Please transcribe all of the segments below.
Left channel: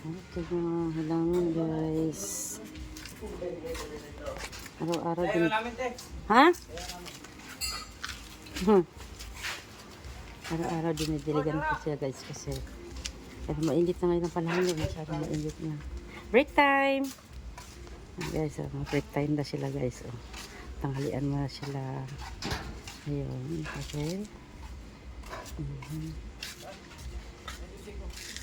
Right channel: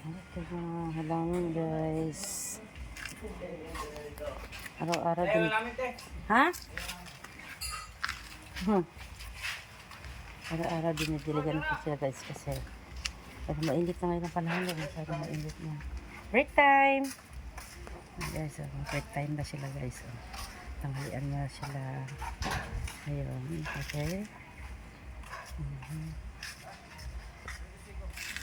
Ito mga halaman guys. Araw-araw din. Ha? Araw-araw dinidiligan ko sila guys kasi mainit na ngayon ang panahon. Masyadong mainit na. Break time! Guys, break time na sila guys. Tanghalian mo na sila. Ayun, okay.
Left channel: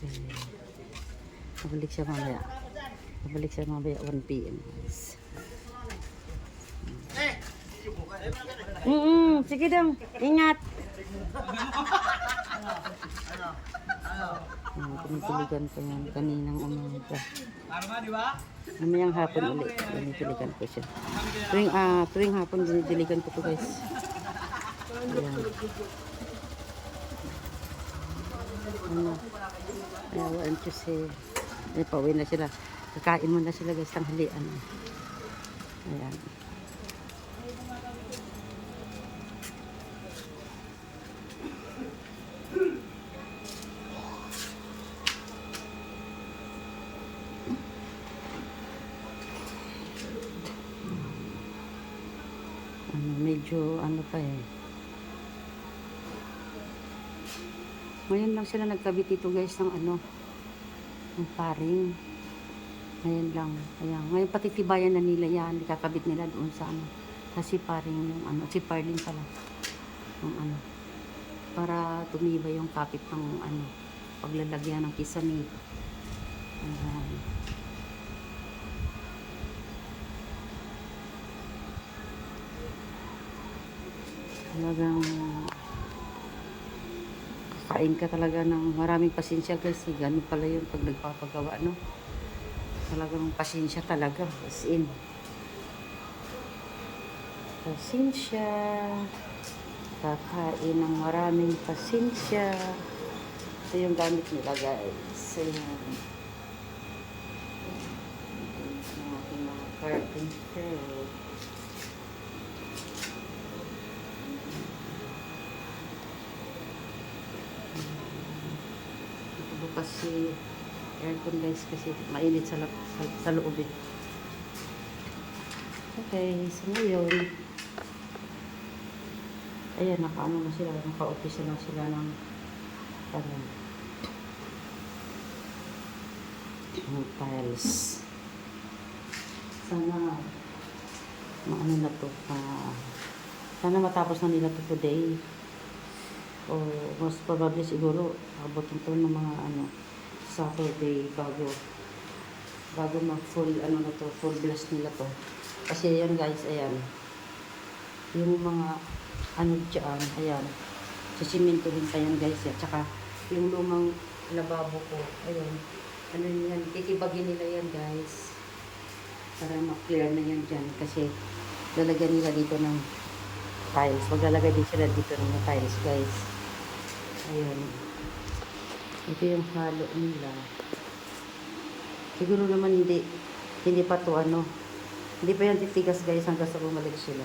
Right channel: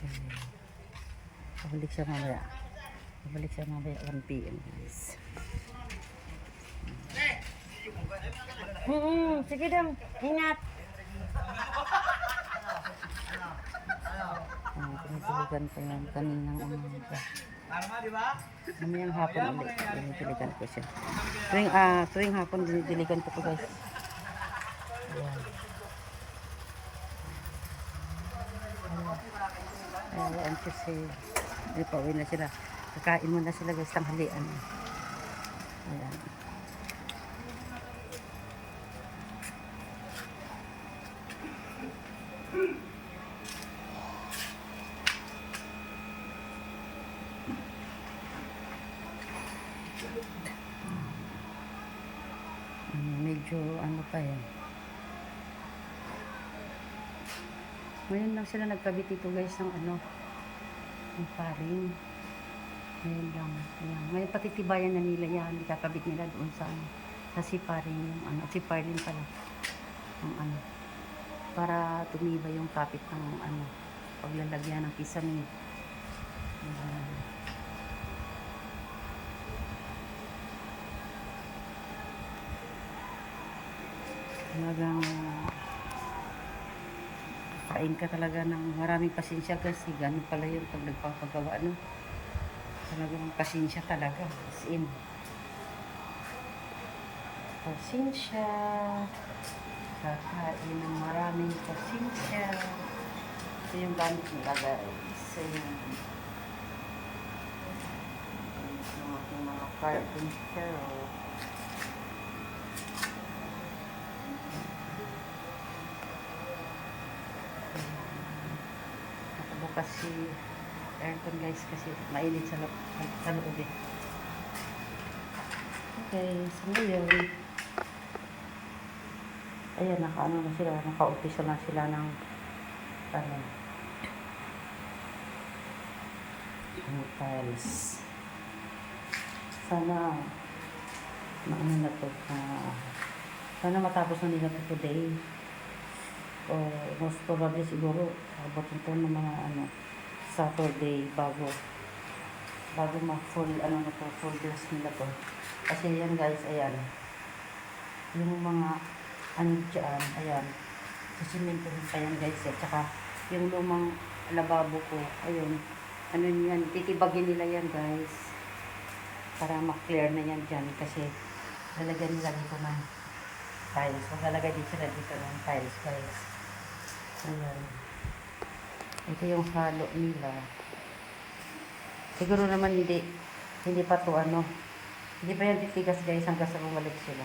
Okay. Pabalik siya mamaya. 1 PM guys. Sige dong. Ingat. Pinitiligan ko yan kaninang umaga. Mamayang hapon ulit. Pinitiligan ko siya. Tuwing hapon dinidiligan ko to guys. Ayan. Ano? Ayawaan ko si pauwi na sila. Kakain mo na sila guys, tanghalian. Ayan. Medyo ano pa eh. Ngayon lang sila nagkabit dito guys ng ano, ng paring. Ngayon lang. Ayan. Ngayon patitibayan na nila yan. Ikakabit nila doon sa ano, sa siparing yung ano, siparlin pala. Yung ano, para tumibay yung kapit ng ano, paglalagyan ng kisame. Ayan. Talagang kain ka talaga ng maraming pasensya guys. Ganun pala yun pag nagpapagawa, no? Talagang pasensya talaga. As in. Pasensya. Kakain ng maraming pasensya. Ito yung gamit nila guys. So, yan. Ito yung aking mga carpenter. Bukas si aircon guys kasi mainit sa loob eh. Okay, so ngayon ayan, naka-ano na sila, naka-umpisa na sila ng ano, tiles. Sana maano na to, sana matapos na nila to today. O most probably siguro abot ito ng mga ano Saturday bago ma-full ano na to, full blast nila to. Kasi ayan guys, ayan yung mga ano dyan, ayan sisimento rin pa yan guys, at saka yung lumang lababo ko, ayun ano yan, titibagin nila yan guys para ma-clear na yan dyan kasi lalagyan nila dito ng tiles. Maglalagay din sila dito ng tiles guys. Ayan. Ito yung halo nila. Siguro naman hindi pa to ano. Hindi pa yan titigas guys hanggang sa bumalik sila.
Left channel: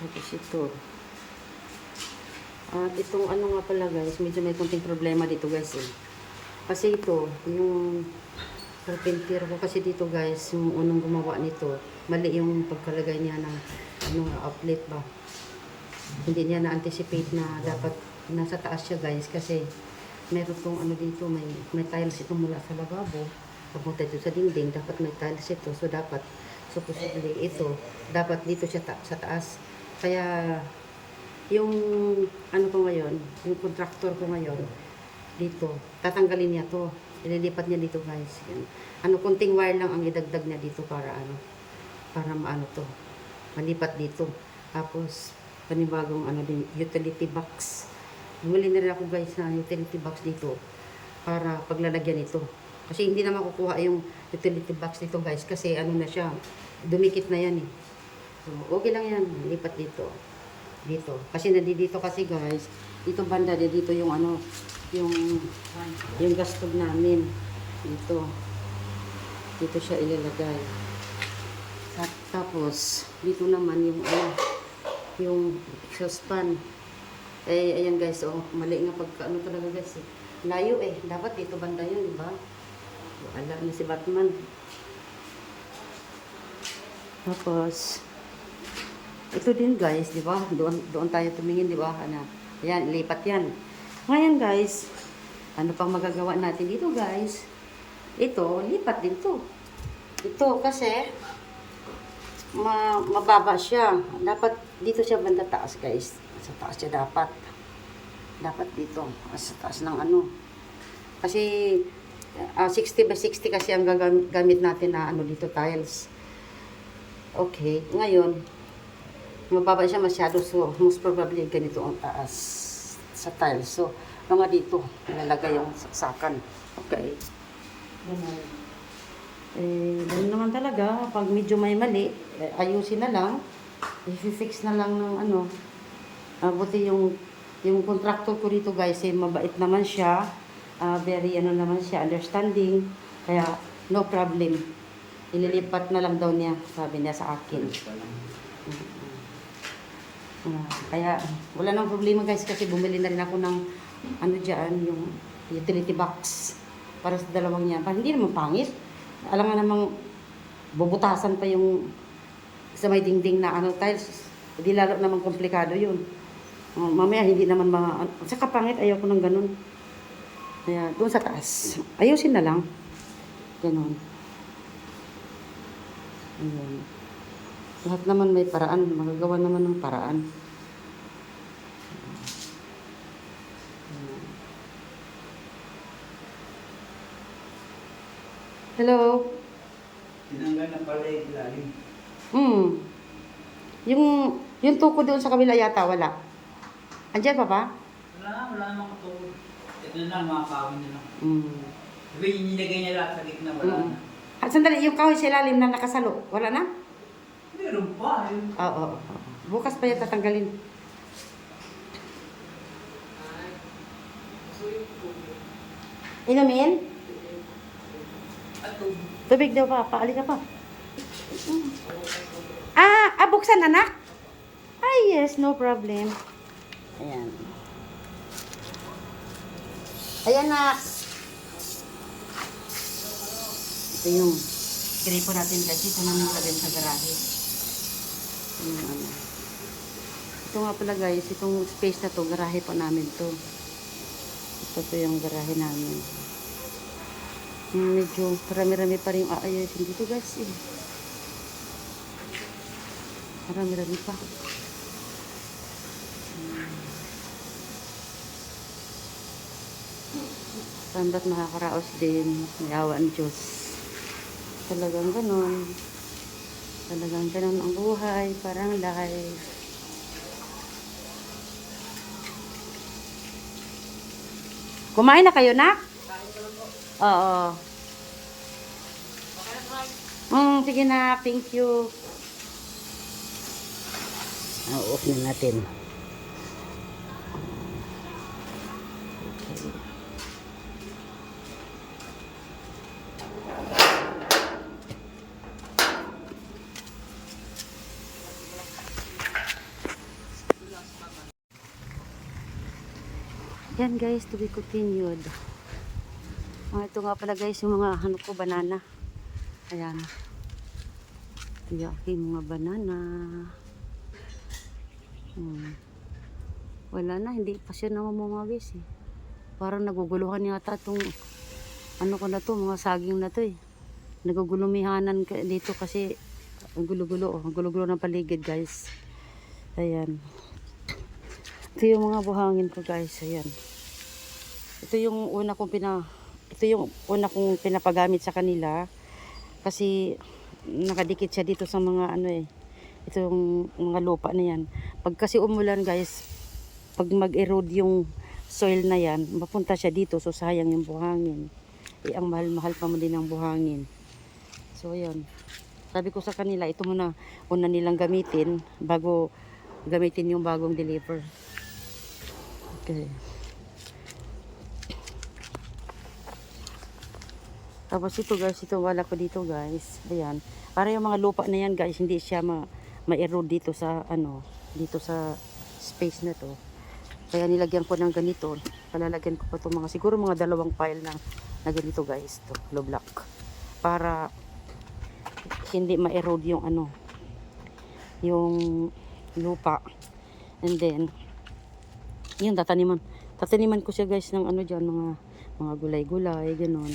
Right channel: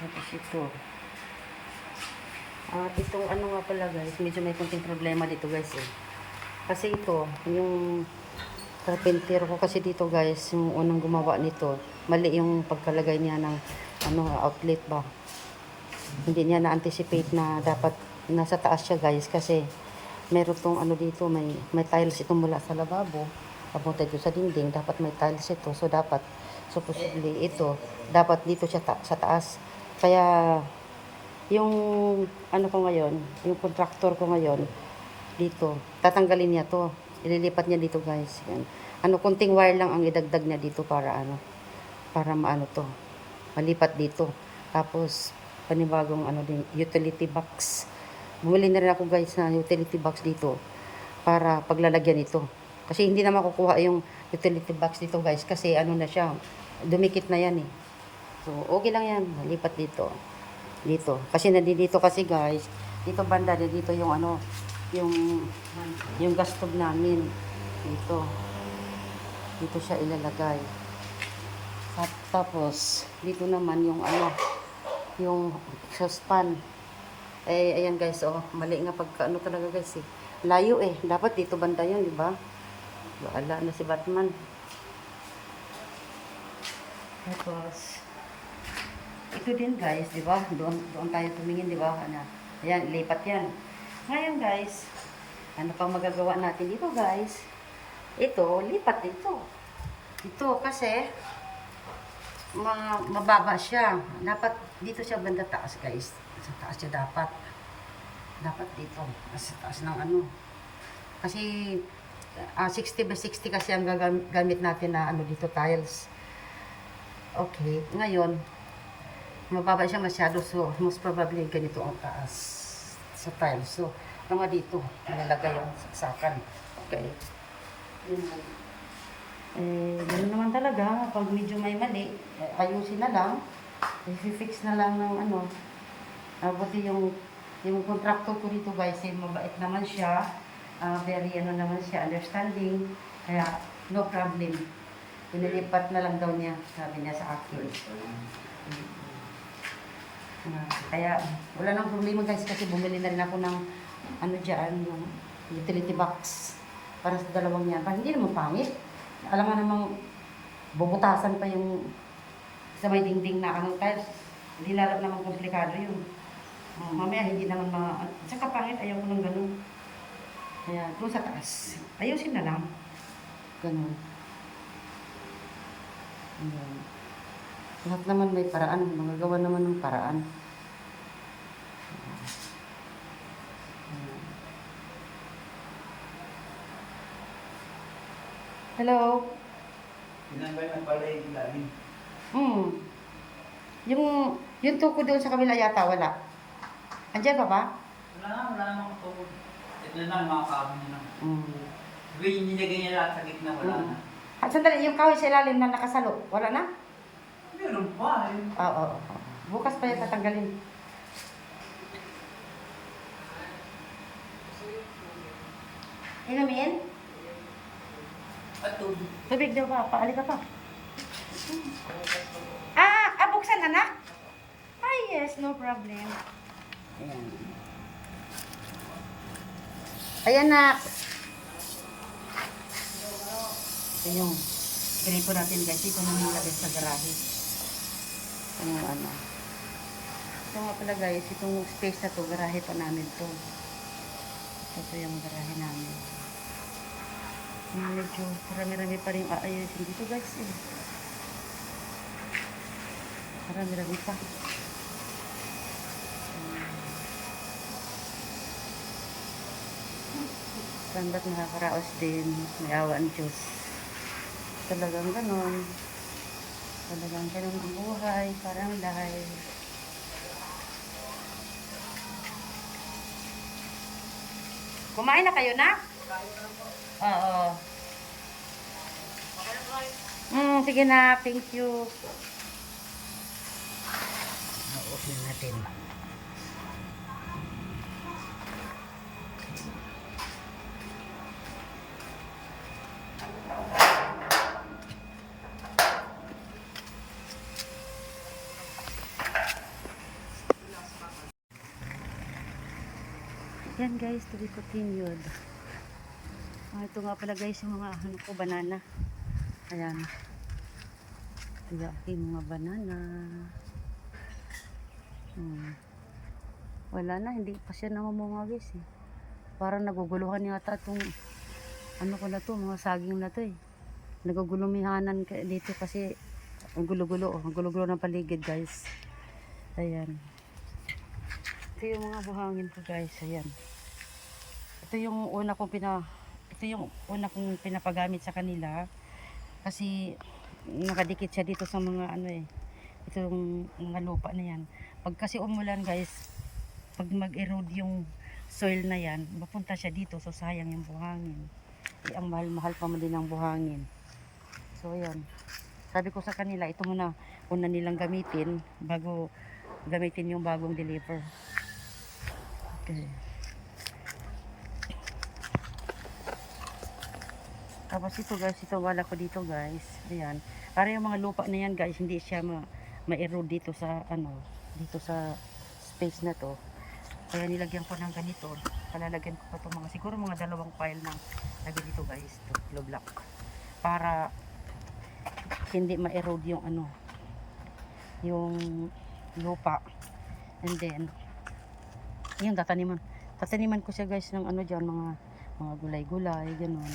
Tapos ito. Itong ano nga pala guys, medyo may konting problema dito guys eh. Kasi ito, yung carpenter ko kasi dito guys, yung unang gumawa nito, mali yung pagkalagay niya ng ano, outlet ba. Hindi niya na-anticipate na dapat nasa taas siya guys kasi meron tong ano dito, may tiles ito mula sa lababo. Papunta dito sa dinding, dapat may tiles ito. So dapat, supposedly ito, dapat dito siya sa taas. Kaya yung ano ko ngayon, yung contractor ko ngayon, dito, tatanggalin niya to. Ililipat niya dito guys. Yan. Ano, kunting wire lang ang idagdag niya dito para ano, para maano to, malipat dito. Tapos, panibagong ano din, utility box. Bumili na rin ako guys na utility box dito para paglalagyan ito. Kasi hindi na makukuha yung utility box dito guys kasi ano na siya, dumikit na yan eh. So, okay lang yan, lipat dito. Dito. Kasi nandito kasi guys, dito banda, dito yung ano, yung gas stove namin dito siya ilalagay. At tapos, dito naman yung ano, yung saucepan. Eh, ayan guys, oh, mali nga pagka ano talaga guys eh. Layo eh. Dapat dito banda yun, di ba? Baala na si Batman. Tapos, ito din guys, di ba? Doon tayo tumingin, di ba? Ano, ayan, lipat yan. Ngayon guys, ano pang magagawa natin dito guys? Ito, lipat din to. Ito kasi, mababa siya. Dapat dito siya banda taas guys. Sa taas siya dapat. Dapat dito. Sa taas ng ano. Kasi 60 by 60 kasi ang gagamit natin na ano dito tiles. Okay. Ngayon, mababa siya masyado. So, most probably ganito ang taas sa tiles. So, mga dito. Nilalagay yung saksakan. Okay. Ganun. Eh, ganun naman talaga. Pag medyo may mali, ayusin na lang. I-fix na lang ng ano. Buti yung contractor ko dito guys, eh, mabait naman siya. Very ano naman siya, understanding. Kaya, no problem. Ililipat na lang daw niya, sabi niya sa akin. Kaya, wala nang problema guys kasi bumili na rin ako ng ano dyan, yung utility box. Para sa dalawang yan. Hindi naman pangit. Alam nga namang bubutasan pa yung sa may dingding na ano tiles. Hindi laro naman komplikado yun. Mamaya hindi naman sa kapangit ayaw ko ng ganun. Kaya doon sa taas. Ayusin na lang. Ganun. Ayan. Lahat naman may paraan. Magagawa naman ng paraan. Ayan. Hello? Tinanggal na pala yung ilalim. Yung tuko doon sa kabila yata wala. Andiyan pa ba? Wala namang tukod. Ito na mga kahoy nila. Mm. Sabi yung nilagay niya lahat sa gitna, wala na. Sandali, yung kahoy sa ilalim na nakasalo, wala na? Meron pa. Oo. Bukas pa yan tatanggalin. Inumin? Tubig daw pa, paali ka pa. Buksan anak? Yes, no problem. Ayan. Ayan nak. Ito yung gripo natin guys. Ito namin ilagay sa garahe. Ito yung ano. Ito nga pala guys, itong space na to, garahe pa namin to. Ito yung garahe namin. Medyo marami-rami pa rin yung aayusin dito guys. Marami-rami pa. Saan ba't makakaraos din? May awa ang Diyos. Talagang ganon. Talagang ganon ang buhay. Parang life. Kumain na kayo na? Oo. Sige na. Thank you. Off na natin. Yan guys, to be continued. Ito nga pala guys, yung mga ano ko, banana. Ayan. Ito yung aking mga banana. Wala na, hindi pa siya namamunga guys eh. Parang naguguluhan yata itong ano ko na to, mga saging na to eh. Nagugulumihanan dito kasi ang gulo-gulo, ang gulo-gulo ng paligid guys. Ayan. Ito yung mga buhangin ko guys, ayan. Ito yung una kong pinapagamit sa kanila kasi nakadikit siya dito sa mga ano eh. Itong mga lupa na yan. Pag kasi umulan guys, pag mag-erode yung soil na yan, mapunta siya dito, so sayang yung buhangin. Ang mahal-mahal pa man din ang buhangin. So ayan. Sabi ko sa kanila, ito muna una nilang gamitin bago gamitin yung bagong deliver. Okay. Tapos ito guys, ito wala ko dito guys. Ayan. Para yung mga lupa na yan guys, hindi siya ma-erode dito sa dito sa space na to. Kaya nilagyan ko ng ganito. Palalagyan ko pa to mga siguro mga 2 pile na ganito guys, to low block. Para hindi ma-erode yung yung lupa. And then yun, tataniman ko siya guys ng diyan, mga gulay-gulay, ganun.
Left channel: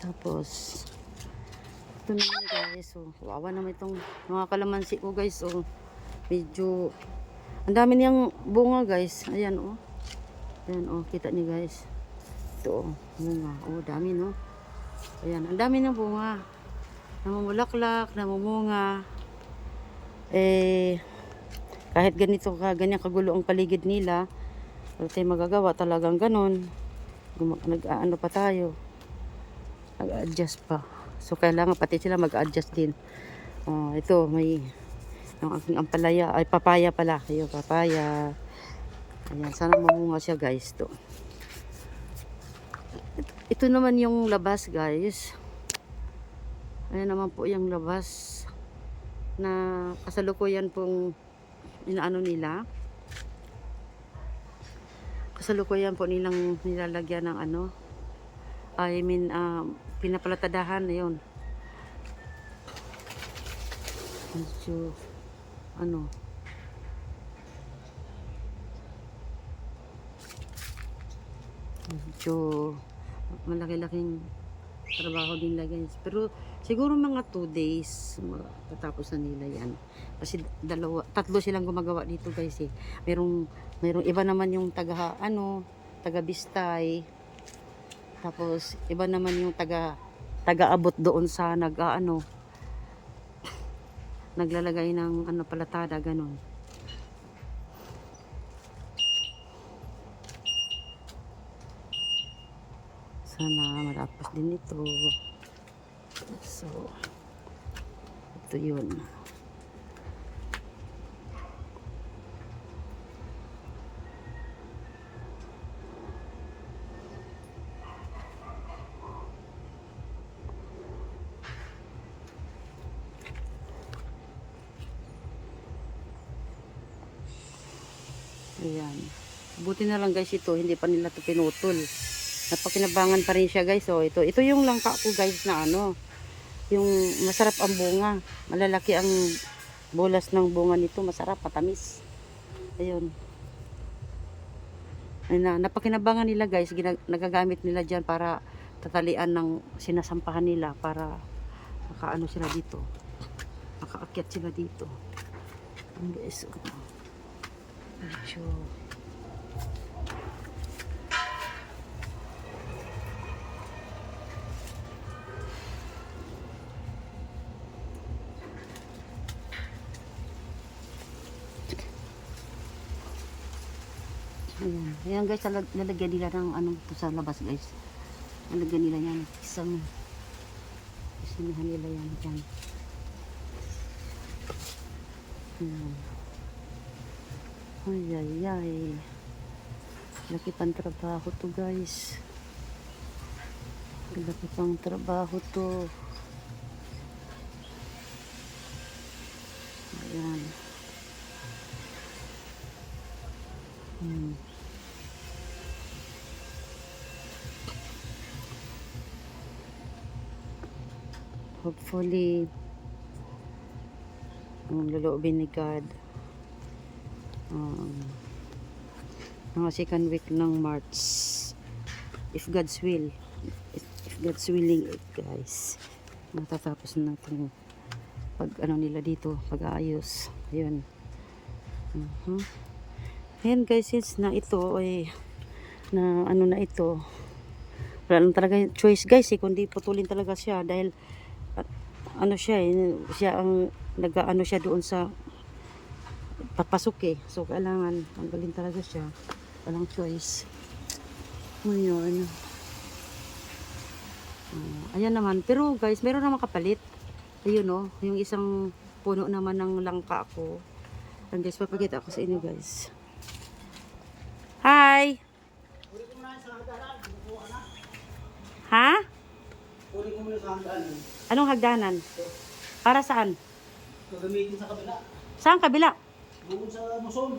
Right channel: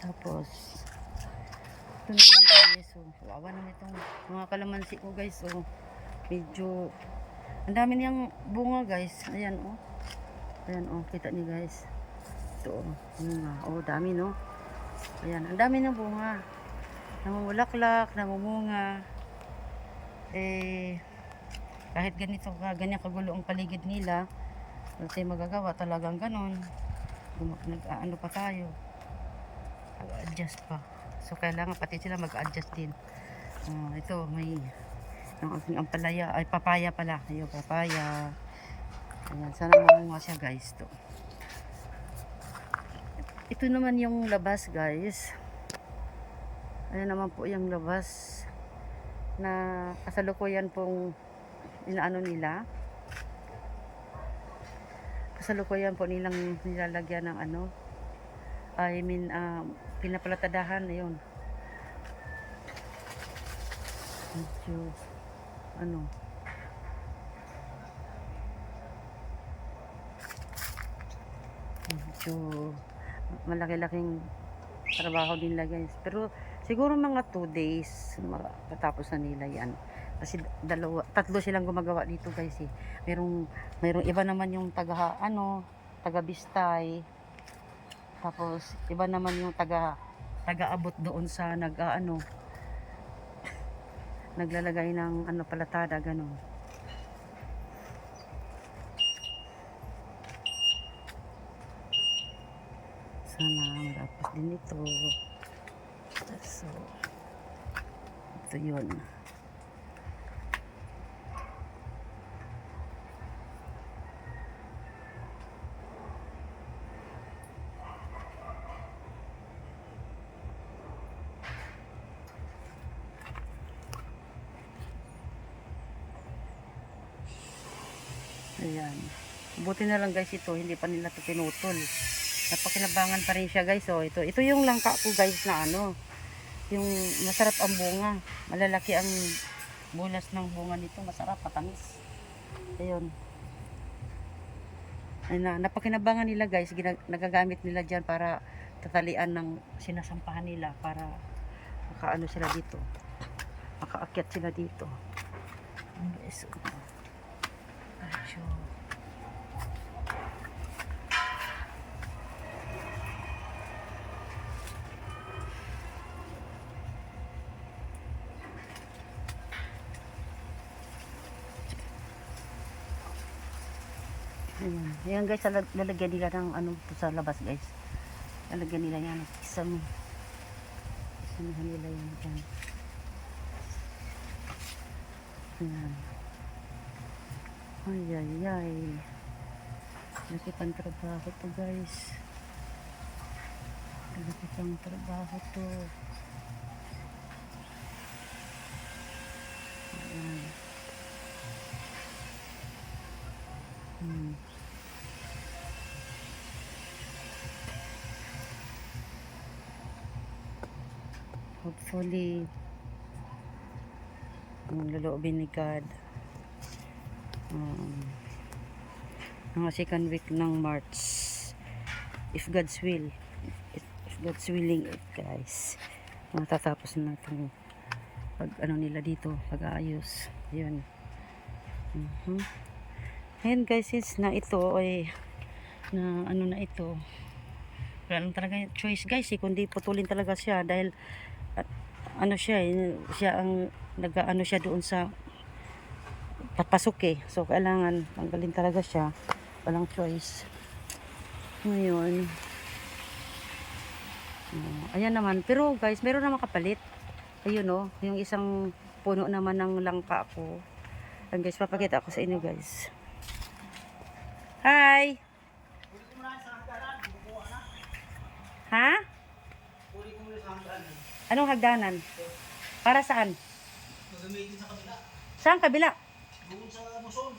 Tapos ito naman guys, wawa naman itong mga kalamansi ko guys, medyo ang dami niyang bunga guys. Ayan ayan kita niyo guys, ito bunga, dami no. Ayan, ang dami ng bunga, namumulaklak, namumunga. Kahit ganyan kagulo ang paligid nila, wala tayong magagawa, talagang ganun. Nag-aano pa tayo, nag-adjust pa. So kailangan pati sila mag-adjust din. Ito may ang aking ampalaya, ay papaya pala. Ayun, papaya. Ayan, sana mamunga siya guys to. Ito naman yung labas guys. Ayan naman po yung labas na kasalukuyan pong inaano nila. Kasalukuyan po nilang nilalagyan ng pinapalatadahan na yun. Medyo medyo malaki-laking trabaho din nila guys. Pero siguro mga 2 days matapos na nila yan. Kasi 3 silang gumagawa dito guys eh. Mayroong iba naman yung taga Bistay. Tapos iba naman yung taga-abot doon sa naglalagay ng palatada, ganun. Sana matapos din ito. So ito yun. Ayan. Buti na lang guys ito, hindi pa nila ito pinutol. Napakinabangan pa rin siya guys. Ito yung langka ko guys na yung masarap ang bunga. Malalaki ang bulas ng bunga nito. Masarap, matamis. Ayun. Napakinabangan nila guys. Nagagamit nila dyan para tatalian ng sinasampahan nila para makaano sila dito. Makaakyat sila dito. Ang guys. Medyo ayan guys, lalagyan nila ng sa labas guys. Lalagyan nila yan, kisamihan nila yan dyan. Ayan. Ay. Laki pang trabaho to guys. Laki pang trabaho to. Ayan. Hopefully ang loloobin ni God mga 2nd week ng March, if God's will, if God's willing it guys, matatapos na itong nila dito, pag-aayos. Ayun. Ayan guys, since na ito ay na ito, wala lang talaga choice guys kundi putulin talaga siya dahil siya ang siya doon sa papasok so kailangan tanggalin talaga siya, walang choice. Ngayon ayan naman, pero guys meron naman kapalit. Ayun yung isang puno naman ng langka ko. Ayan guys, papakita ko sa inyo guys. Hi! Ha? Lalagay ko muna sa hanggaan. Anong hagdanan? Para saan? Gagamitin sa kabila. Saan kabila? Doon sa muson.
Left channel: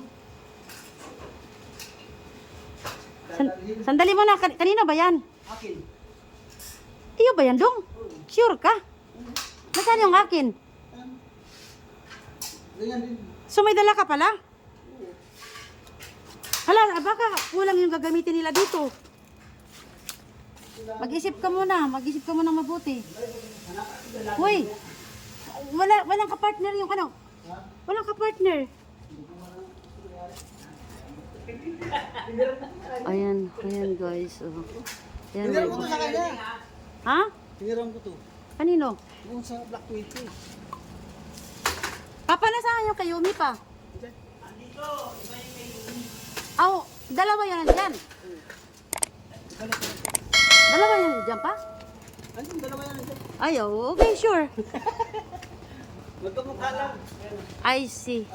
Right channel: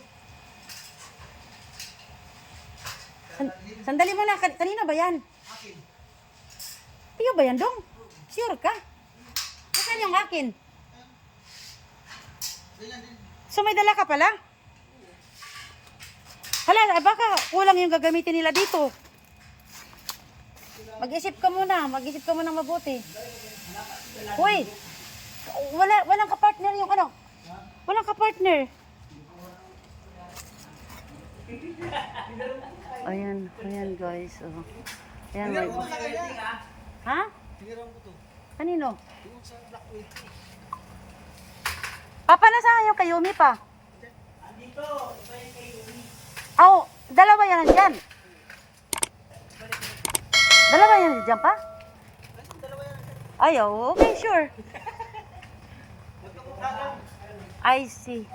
Sandali mo na. Kanino ba yan? Akin. Iyo ba yan, Dong? Sure ka? Nasaan yung akin? Ganyan din. So may dala ka pala? Hala, baka kulang yung gagamitin nila dito. Mag-isip ka muna mabuti. Uy, walang ka-partner yung ano? Walang ka-partner. Ayan guys. Oh. Ayan, may... Tinira ko sa kanya. Ha? Tinira ko to. Kanino? Doon sa Black Widow. Papa, nasaan yung Kayumi pa? Andito, iba yung kay Umi. Oh, dalawa yan nandyan. Dalawa yan nandyan pa? Ayun, dalawa yan. Ay, oh, okay, sure. Magkamukha lang. I see.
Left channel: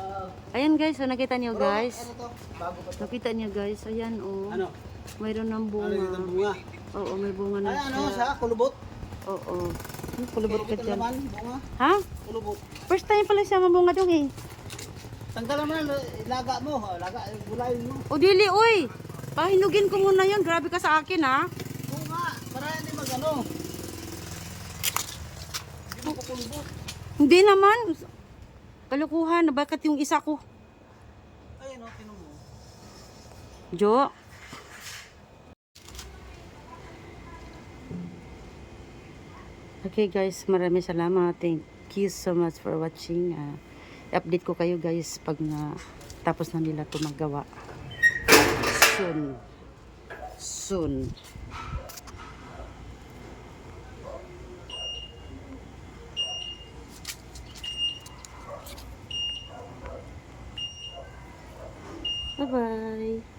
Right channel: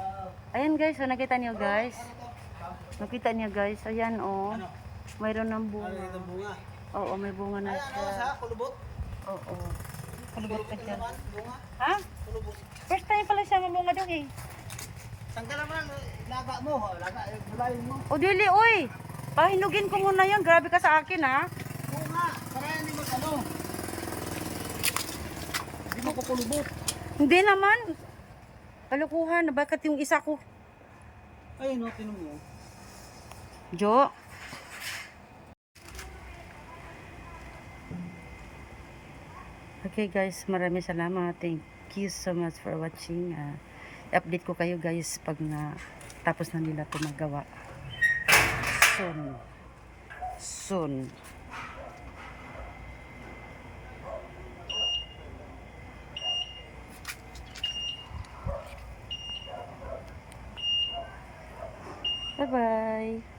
Ayan guys, so nakita niyo guys. Ano to? Bago pa to. Nakita niyo guys, ayan oh. Ano? Mayroon ng Ano bunga. yung bunga? Oo, may bunga na Ano siya? siya. Kulubot? Oo. Kulubot ka dyan. naman, bunga. Ha? Kulubot. First time pala siya mabunga dong eh. Tanggalan mo na, ilaga mo. Laga, gulayin mo. O dili, uy. Pahinugin ko muna yun. Grabe ka sa akin ha. Bunga, para hindi mag-ano. Hindi mo kulubot. Hindi naman. Kalukuhan. Bakit yung isa ko? Ayun, no, tinong mo. Jo. Okay guys, maraming salamat. Thank you so much for watching. Update ko kayo guys pag na tapos na nila ito magawa. Soon. Soon. Bye-bye.